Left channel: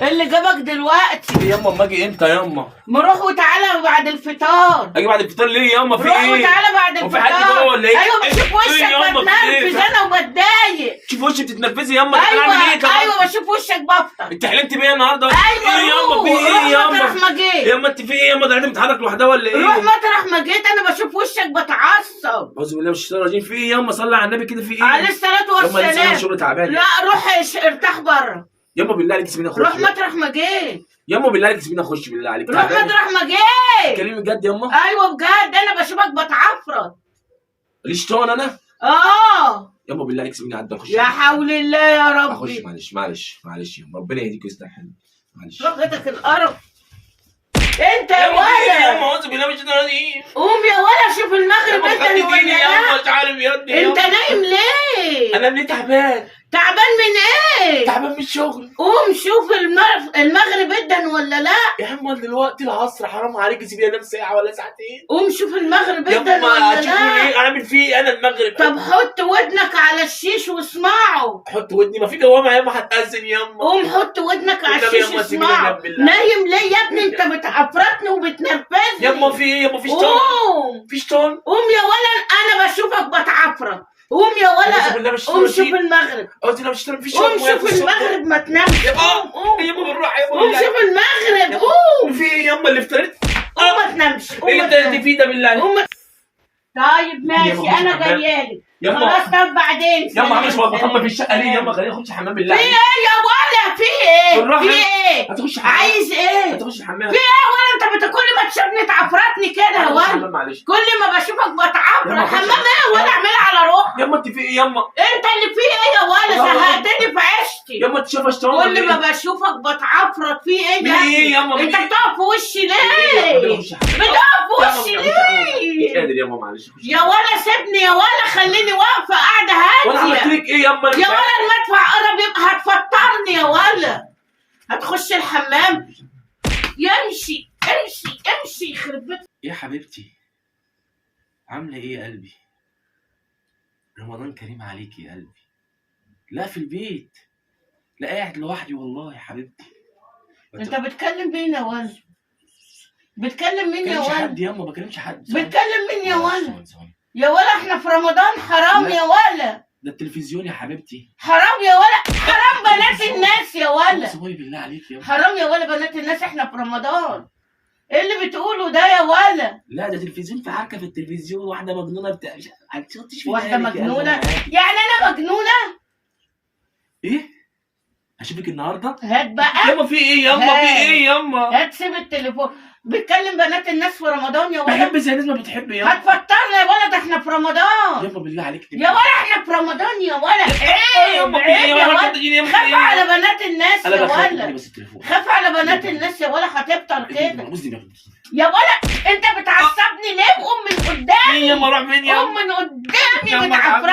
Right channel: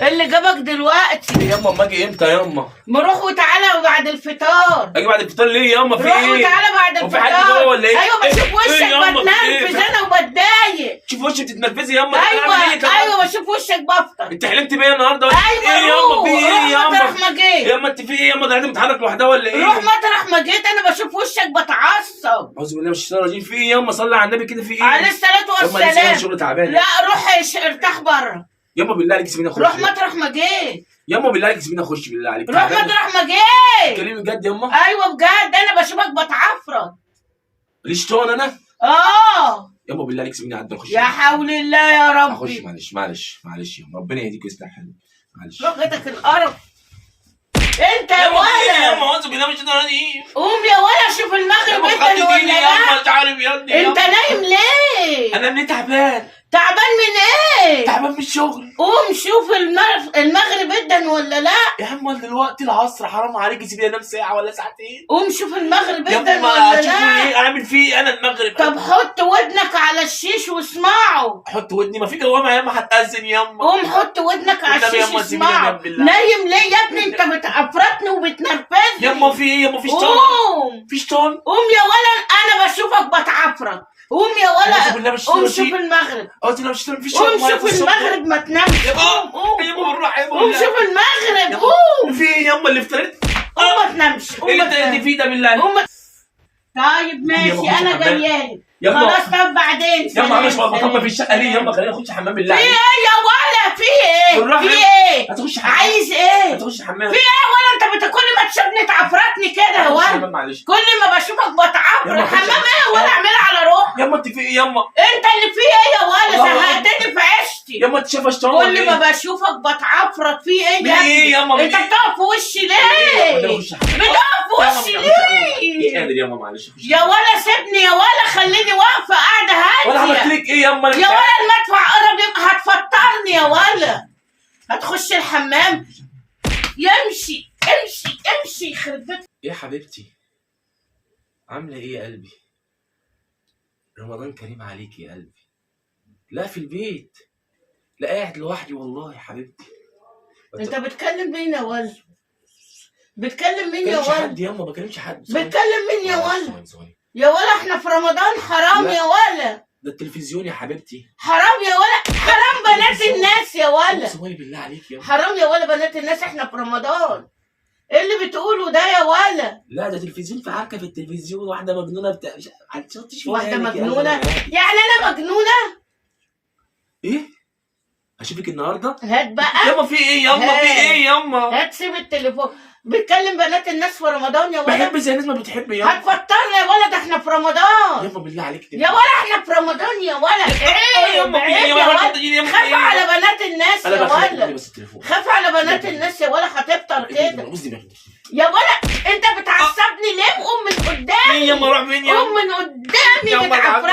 إيه اللي جابك دلوقتي؟ ياما اما اجي امتى ياما؟ ما روح وتعالى بعد الفطار. اجي بعد الفطار ليه ياما؟ في روح ايه؟ وتعالى بعد هو في حد جوه الفطار. ولا ايه؟ ايوه بشوف وشك ياما في ايه؟ بتنرفز انا وبتضايق. شوف وشي بتتنرفزي ياما. ايوه بشوف وشك بفطر. انت حلمت بيا النهارده؟ ايوه ايه ياما؟ في ايه ياما؟ مطرح ما جيت. ياما انت في ايه ياما؟ ده بتتحرك لوحدها ولا ايه؟ روح مطرح ما جيت، انا بشوف وشك بتعصب. اعوذ بالله من الشيطان الرجيم. في ايه ياما؟ صلي على النبي كده. في ايه؟ عليه الصلاة ياما لسه والسلام. شغل تعبان. لا روح ارتاح بره. ياما بالله عليك سيبيني اخش. روح مطرح ما جيت. ياما بالله عليك سيبيني اخش بالله عليك. روح مطرح ما جيت. كلمي بجد ياما. ايوه بجد انا بشوفك بتعفرت. ليش شيطان انا؟ ياما بالله عليك سيبيني اعدي اخش. يا حول الله يا ربي. اخش معلش ياما. ربنا يهديك ويصلح حالك. معلش. لغتك القرف. انت يا ياما ولا اعوذ بالله من الشيطان الرجيم. قوم يا ولا شوف المغرب انت خدت ولا ديني لا. ياما. مش عارف يا ابني. انت نايم ليه؟ انا ليه تعبان؟ تعبان من ايه؟ تعبان من الشغل. قوم شوف المغرب ادن ولا لا. يا عم دلوقتي العصر حرام عليك. سيبيني انام ساعه ولا ساعتين. قوم شوف المغرب يا ادن ما ولا هتشوفوا لا. ايه اعمل فيه انا المغرب؟ طب حط ودنك على الشيش واسمعه. حط ودني. ما في جوامع ياما هتأذن ياما. قوم حط ودنك على والنبي الشيش ياما سيبيني واسمعه. انام بالله. نايم ليه يا ابني؟ انت بتعفرتني وبتنرفزني. ياما في ايه ياما؟ في شيطان. قوم في شيطان. قوم يا ولا انا بشوفك بتعفرت. قوم يا أعوذ بالله ولا من الشيطان قوم شوف الرجيم. المغرب. قلت لو اشتري في قوم شيطان. شوف المغرب ما تنامش. قوم قوم ياما بالراحه ياما. قوم شوف المغرب. قوم في ايه ياما اللي افتريت؟ قوم ما تنامش. قوم ايه ما اللي انت تنامش. فيه ده بالله؟ قوم طيب ماشي ياما انا خش حمام. جايالك. ياما. خلاص طب بعدين. ياما عامل سلام، شويه سلام. بطمن في الشقه ليه ياما؟ خليني اخش حمام بالله في عليك. ايه يا ولا؟ في ايه؟ بالراحة. في ايه؟ هتخش حمام. عايز ايه؟ هتخش حمام. في ايه ولا انت كل ما تشوفني تعفرتني كده يا هتخش ولا؟ حمام معلش. كل ما بشوفك بتعفر. ياما خش حمام ايه ولا اعملها على روحك؟ ياما انت في ايه ياما؟ انت اللي في ايه يا ولا؟ الله زهقتني في عيشتي. ياما انت شايفه شيطان ولا كل ايه؟ ما بشوفك بتعفرت. في ايه من يا ايه ابني؟ ياما؟ من انت ايه؟ بتقف في وشي ياما ليه؟ اخش حمام. بتقف في وشي مش ليه؟ قادر ياما معلش. اخش يا ولا سيبني يا ولا، خليني واقفه قاعده ولا عملت هاديه. لك ايه ياما؟ يا ولا المدفع قرب يبقى هتفطرني يا ولا. هتخش الحمام. يمشي امشي امشي يخرب بيتك. يا حبيبتي عامله ايه يا قلبي؟ رمضان كريم عليك يا قلبي. لا في البيت. لا قاعد لوحدي والله يا حبيبتي. انت بتكلم مين يا ولا؟ بتكلم مين يا ما ولا؟ حد ياما. ما بكلمش حد. بتكلم مين يا ولا؟ ثواني. يا ولا احنا في رمضان. حرام لا. يا ولا. ده التلفزيون يا حبيبتي. حرام يا ولا. حرام بنات الناس يا ولا. ثواني بالله عليك ياما. حرام يا ولا بنات الناس، احنا في رمضان. ايه اللي بتقوله ده يا ولا؟ لا ده تلفزيون. في عركه في التلفزيون. واحده مجنونه بتاع واحدة مجنونة؟ يعني انا مجنونة؟ ايه؟ اشوفك النهارده؟ هات بقى. ياما في ايه ياما؟ في ايه ياما؟ هات سيب التليفون. بتكلم بنات الناس في رمضان يا ولا؟ بحب زي الناس ما بتحب ياما. هتفطرنا يا ولا، ده احنا في رمضان. ياما بالله عليك. يا ولا احنا في رمضان يا ولا. ايه ياما في ايه يا ياما؟ ولا؟ خاف على بنات الناس انا يا بخاف. ولا. بس التليفون. خاف على بنات الناس يا ولا، هتفطر كده. قصدي يا ولا انت بتعصبني ليه؟ قوم من قدامي. مين ياما؟ راح فين ياما؟ قوم من قدامي ياما بتعفرني.